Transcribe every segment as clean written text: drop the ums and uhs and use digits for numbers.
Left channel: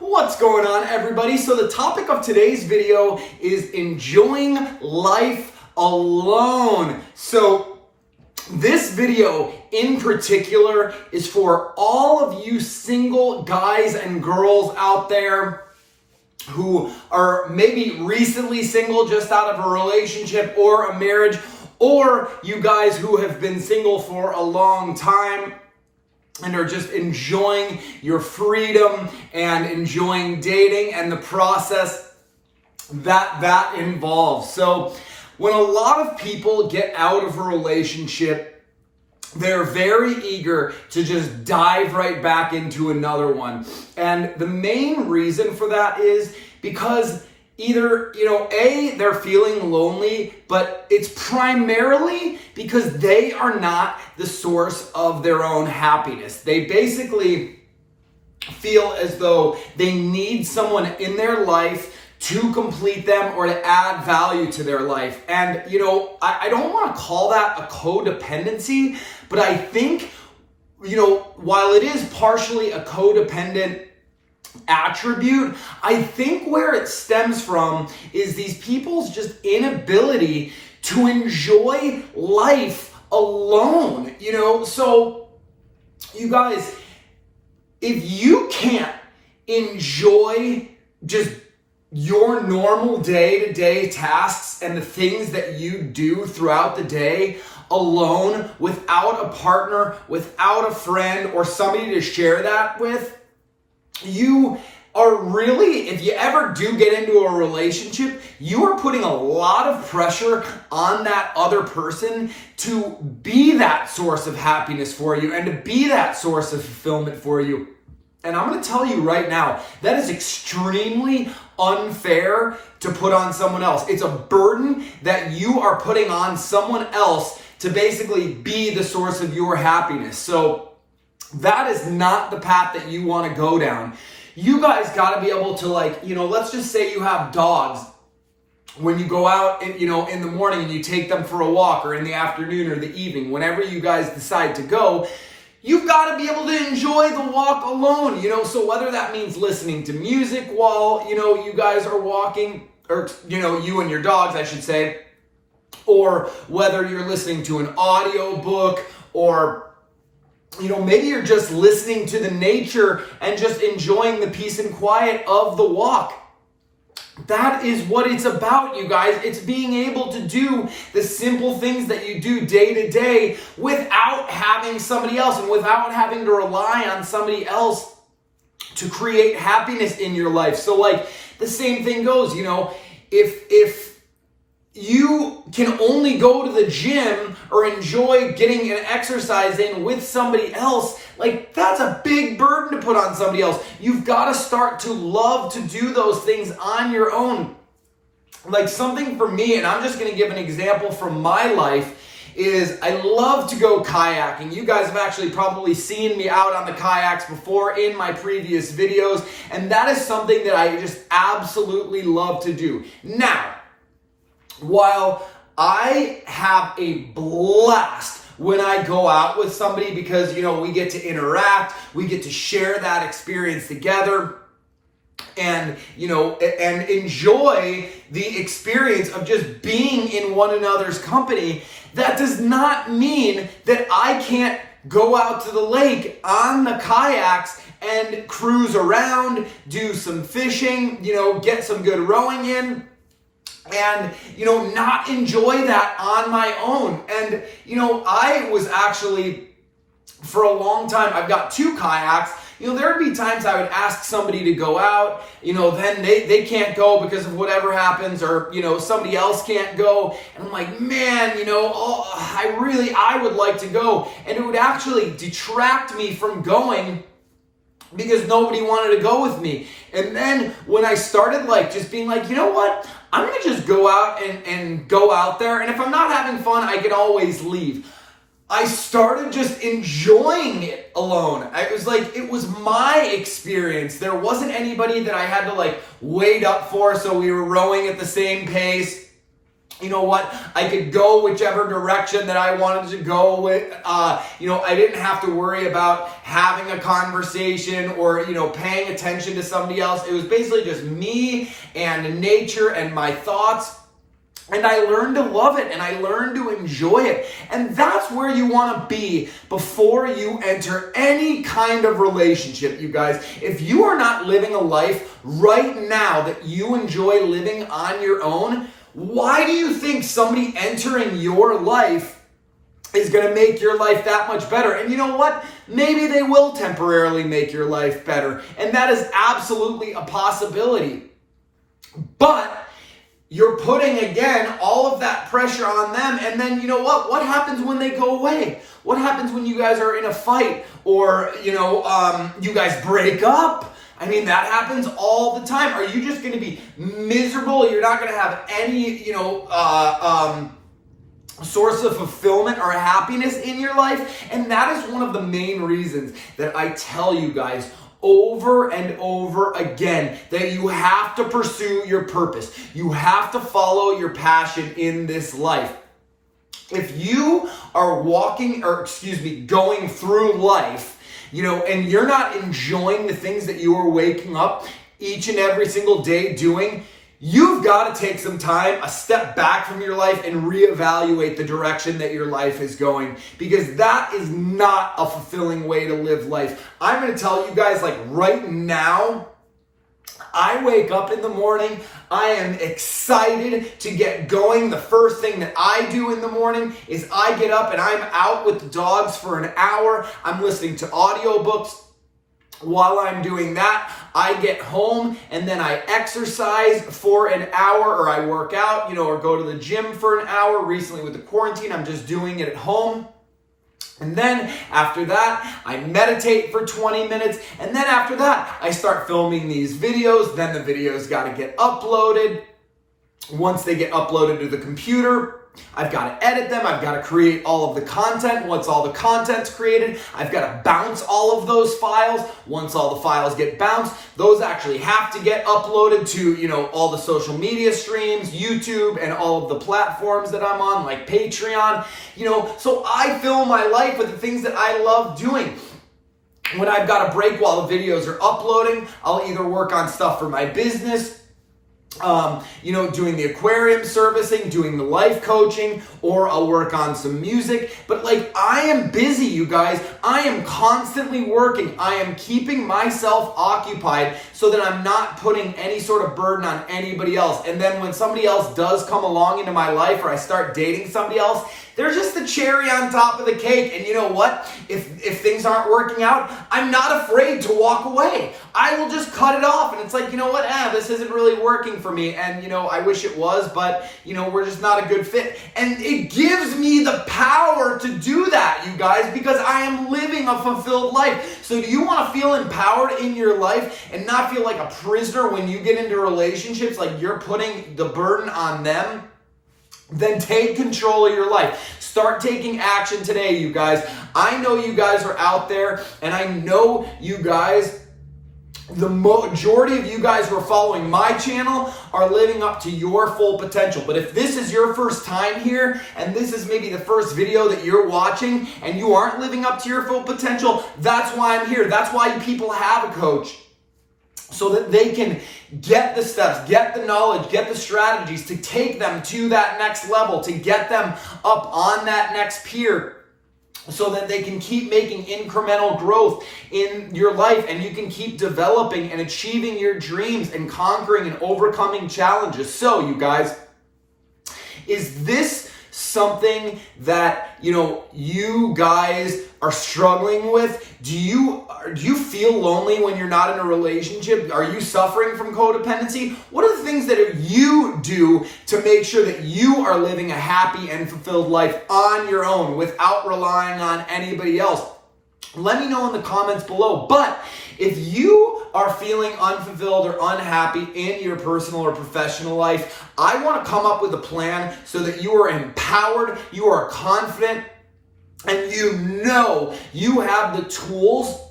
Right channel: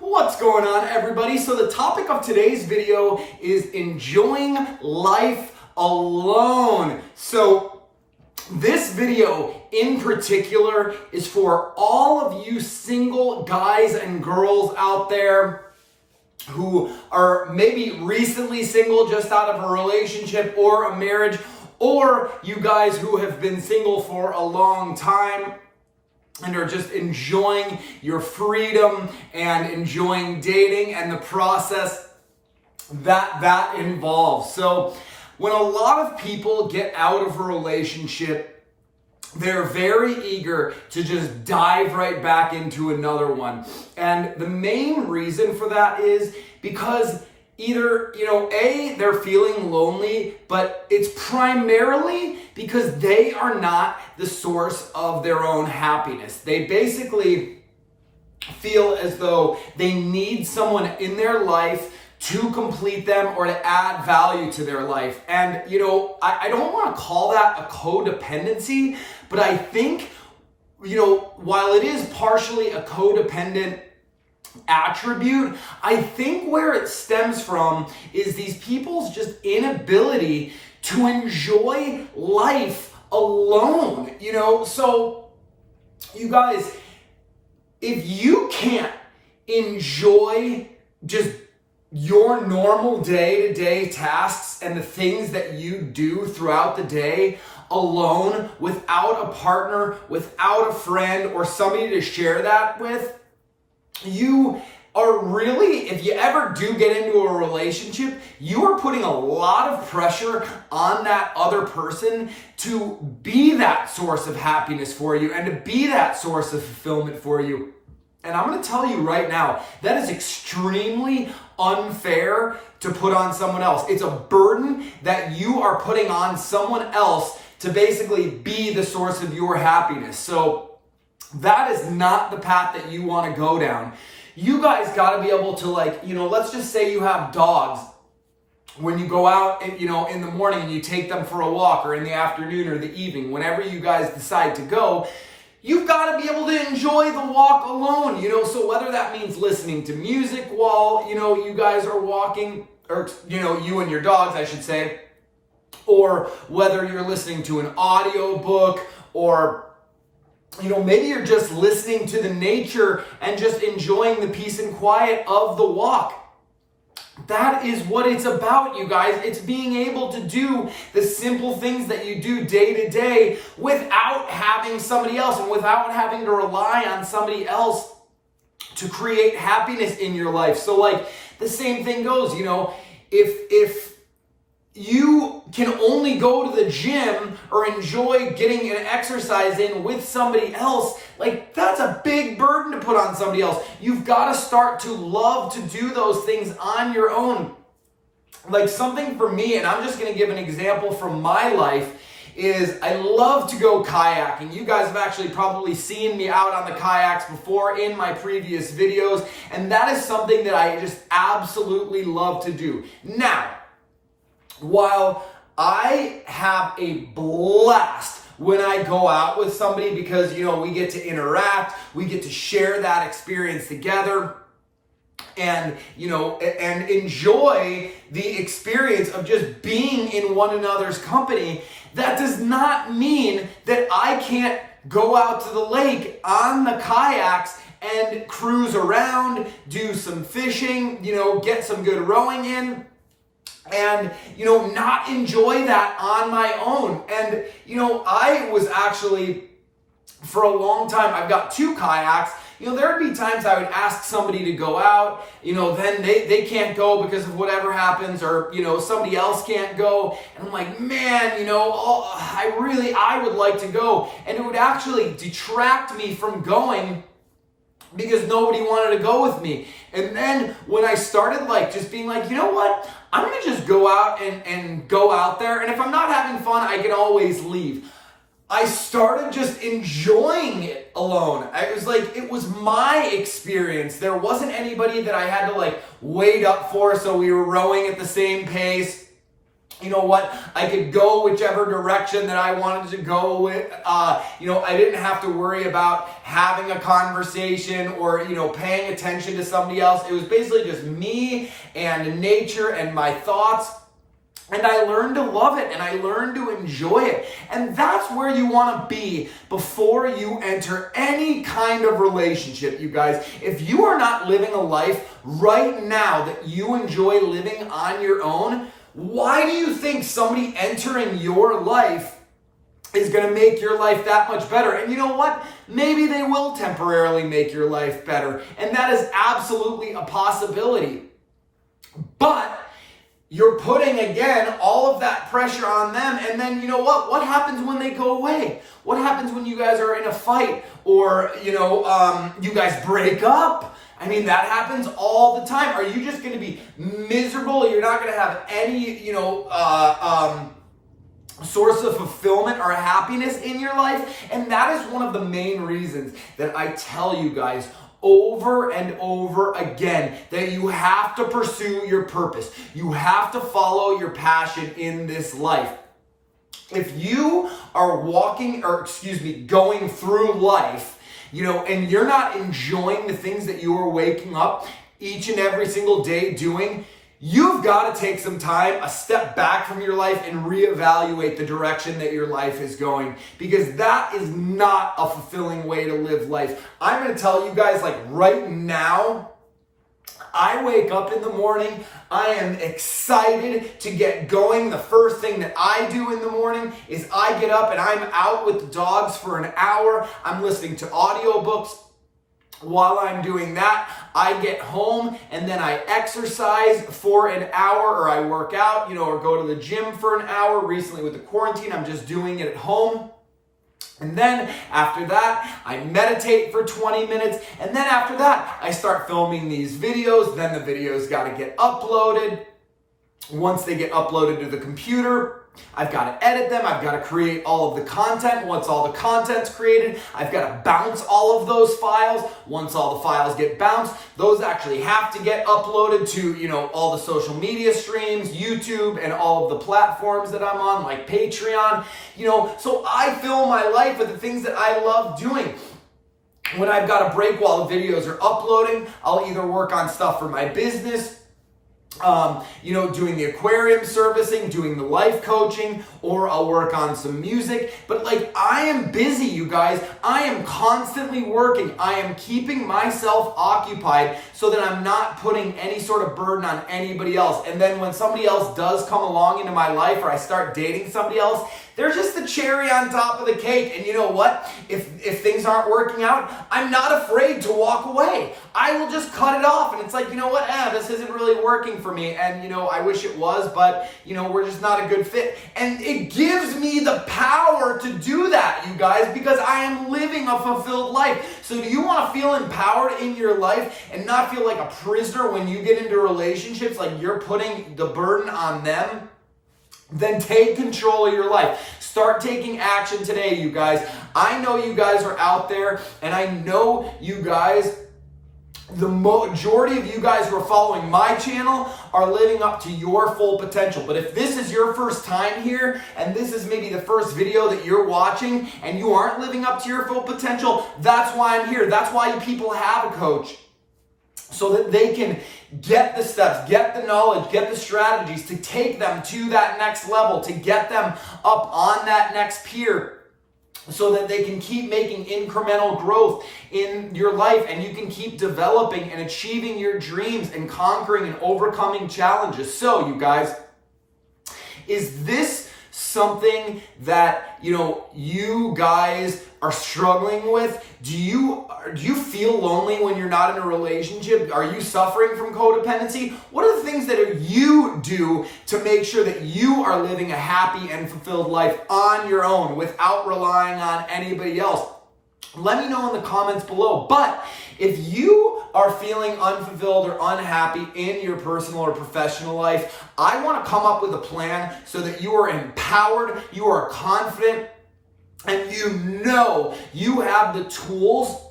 What's going on, everybody? So the topic of today's video is enjoying life alone. So this video in particular is for all of you single guys and girls out there who are maybe recently single, just out of a relationship or a marriage, or you guys who have been single for a long time and are just enjoying your freedom and enjoying dating and the process that involves. So when a lot of people get out of a relationship, they're very eager to just dive right back into another one. And the main reason for that is because either, they're feeling lonely, but it's primarily because they are not the source of their own happiness. They basically feel as though they need someone in their life to complete them or to add value to their life. And, I don't want to call that a codependency, but I think, while it is partially a codependent attribute, I think where it stems from is these people's just inability to enjoy life alone, So, you guys, if you can't enjoy just your normal day-to-day tasks and the things that you do throughout the day alone, without a partner, without a friend, or somebody to share that with, you are really, if you ever do get into a relationship, you are putting a lot of pressure on that other person to be that source of happiness for you and to be that source of fulfillment for you. And I'm going to tell you right now, that is extremely unfair to put on someone else. It's a burden that you are putting on someone else to basically be the source of your happiness. So that is not the path that you want to go down. You guys got to be able to, let's just say you have dogs. When you go out, in the morning and you take them for a walk, or in the afternoon or the evening, whenever you guys decide to go, you've got to be able to enjoy the walk alone, so whether that means listening to music while, you guys are walking, or, you and your dogs, I should say, or whether you're listening to an audio book, or maybe you're just listening to the nature and just enjoying the peace and quiet of the walk. That is what it's about, you guys. It's being able to do the simple things that you do day to day without having somebody else and without having to rely on somebody else to create happiness in your life. So the same thing goes, if you can only go to the gym or enjoy getting an exercise in with somebody else, that's a big burden to put on somebody else. You've got to start to love to do those things on your own. Something for me, and I'm just going to give an example from my life, is I love to go kayaking. You guys have actually probably seen me out on the kayaks before in my previous videos, and that is something that I just absolutely love to do. Now, while I have a blast when I go out with somebody because, we get to interact, we get to share that experience together and, and enjoy the experience of just being in one another's company, that does not mean that I can't go out to the lake on the kayaks and cruise around, do some fishing, get some good rowing in, and, not enjoy that on my own. And, I was actually, for a long time, I've got 2 kayaks. There would be times I would ask somebody to go out, then they can't go because of whatever happens, or, somebody else can't go. And I'm like, man, I would like to go. And it would actually detract me from going because nobody wanted to go with me. And then when I started just being you know what? I'm going to just go out and go out there. And if I'm not having fun, I can always leave. I started just enjoying it alone. It was my experience. There wasn't anybody that I had to wait up for, so we were rowing at the same pace. you know what, I could go whichever direction that I wanted to go with. I didn't have to worry about having a conversation or, paying attention to somebody else. It was basically just me and nature and my thoughts. And I learned to love it and I learned to enjoy it. And that's where you want to be before you enter any kind of relationship, you guys. If you are not living a life right now that you enjoy living on your own, why do you think somebody entering your life is going to make your life that much better? And you know what? Maybe they will temporarily make your life better. And that is absolutely a possibility. But you're putting, again, all of that pressure on them. And then, you know what? What happens when they go away? What happens when you guys are in a fight or, you guys break up? I mean, that happens all the time. Are you just going to be miserable? You're not going to have any, source of fulfillment or happiness in your life? And that is one of the main reasons that I tell you guys over and over again that you have to pursue your purpose. You have to follow your passion in this life. If you are going through life, and you're not enjoying the things that you are waking up each and every single day doing, you've got to take some time, a step back from your life and reevaluate the direction that your life is going, because that is not a fulfilling way to live life. I'm going to tell you guys, right now, I wake up in the morning, I am excited to get going. The first thing that I do in the morning is I get up and I'm out with the dogs for an hour. I'm listening to audiobooks. While I'm doing that, I get home and then I exercise for an hour, or I work out, or go to the gym for an hour. Recently with the quarantine, I'm just doing it at home. And then after that, I meditate for 20 minutes. And then after that, I start filming these videos. Then the videos got to get uploaded. Once they get uploaded to the computer, I've got to edit them. I've got to create all of the content. Once all the content's created, I've got to bounce all of those files. Once all the files get bounced, those actually have to get uploaded to, all the social media streams, YouTube, and all of the platforms that I'm on, like Patreon. So I fill my life with the things that I love doing. When I've got a break while the videos are uploading, I'll either work on stuff for my business, doing the aquarium servicing, doing the life coaching, or I'll work on some music. But I am busy, you guys. I am constantly working. I am keeping myself occupied so that I'm not putting any sort of burden on anybody else. And then when somebody else does come along into my life, or I start dating somebody else, they're just the cherry on top of the cake. And you know what? If things aren't working out, I'm not afraid to walk away. I will just cut it off. And it's like, you know what? This isn't really working for me. And, I wish it was, but, we're just not a good fit. And it gives me the power to do that, you guys, because I am living a fulfilled life. So do you want to feel empowered in your life and not feel like a prisoner when you get into relationships, like you're putting the burden on them? Then take control of your life. Start taking action today, you guys. I know you guys are out there, and I know you guys, the majority of you guys who are following my channel are living up to your full potential. But if this is your first time here, and this is maybe the first video that you're watching, and you aren't living up to your full potential, that's why I'm here. That's why people have a coach. So that they can get the steps, get the knowledge, get the strategies to take them to that next level, to get them up on that next pier, so that they can keep making incremental growth in your life, and you can keep developing and achieving your dreams and conquering and overcoming challenges. So, you guys, is this something that, you guys are struggling with? Do you feel lonely when you're not in a relationship? Are you suffering from codependency? What are the things that you do to make sure that you are living a happy and fulfilled life on your own without relying on anybody else? Let me know in the comments below. But if you are feeling unfulfilled or unhappy in your personal or professional life, I want to come up with a plan so that you are empowered, you are confident, and you have the tools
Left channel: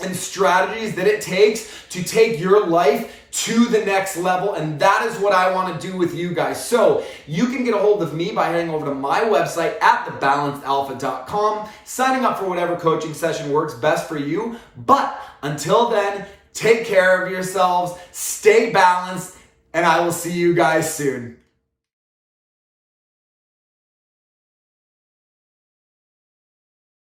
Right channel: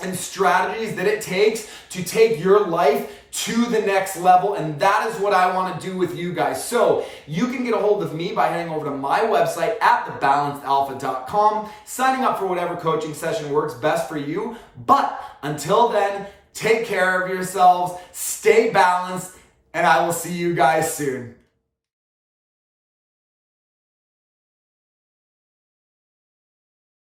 and strategies that it takes to take your life to the next level, and that is what I want to do with you guys. So you can get a hold of me by heading over to my website at thebalancedalpha.com, signing up for whatever coaching session works best for you. But until then, take care of yourselves, stay balanced, and I will see you guys soon.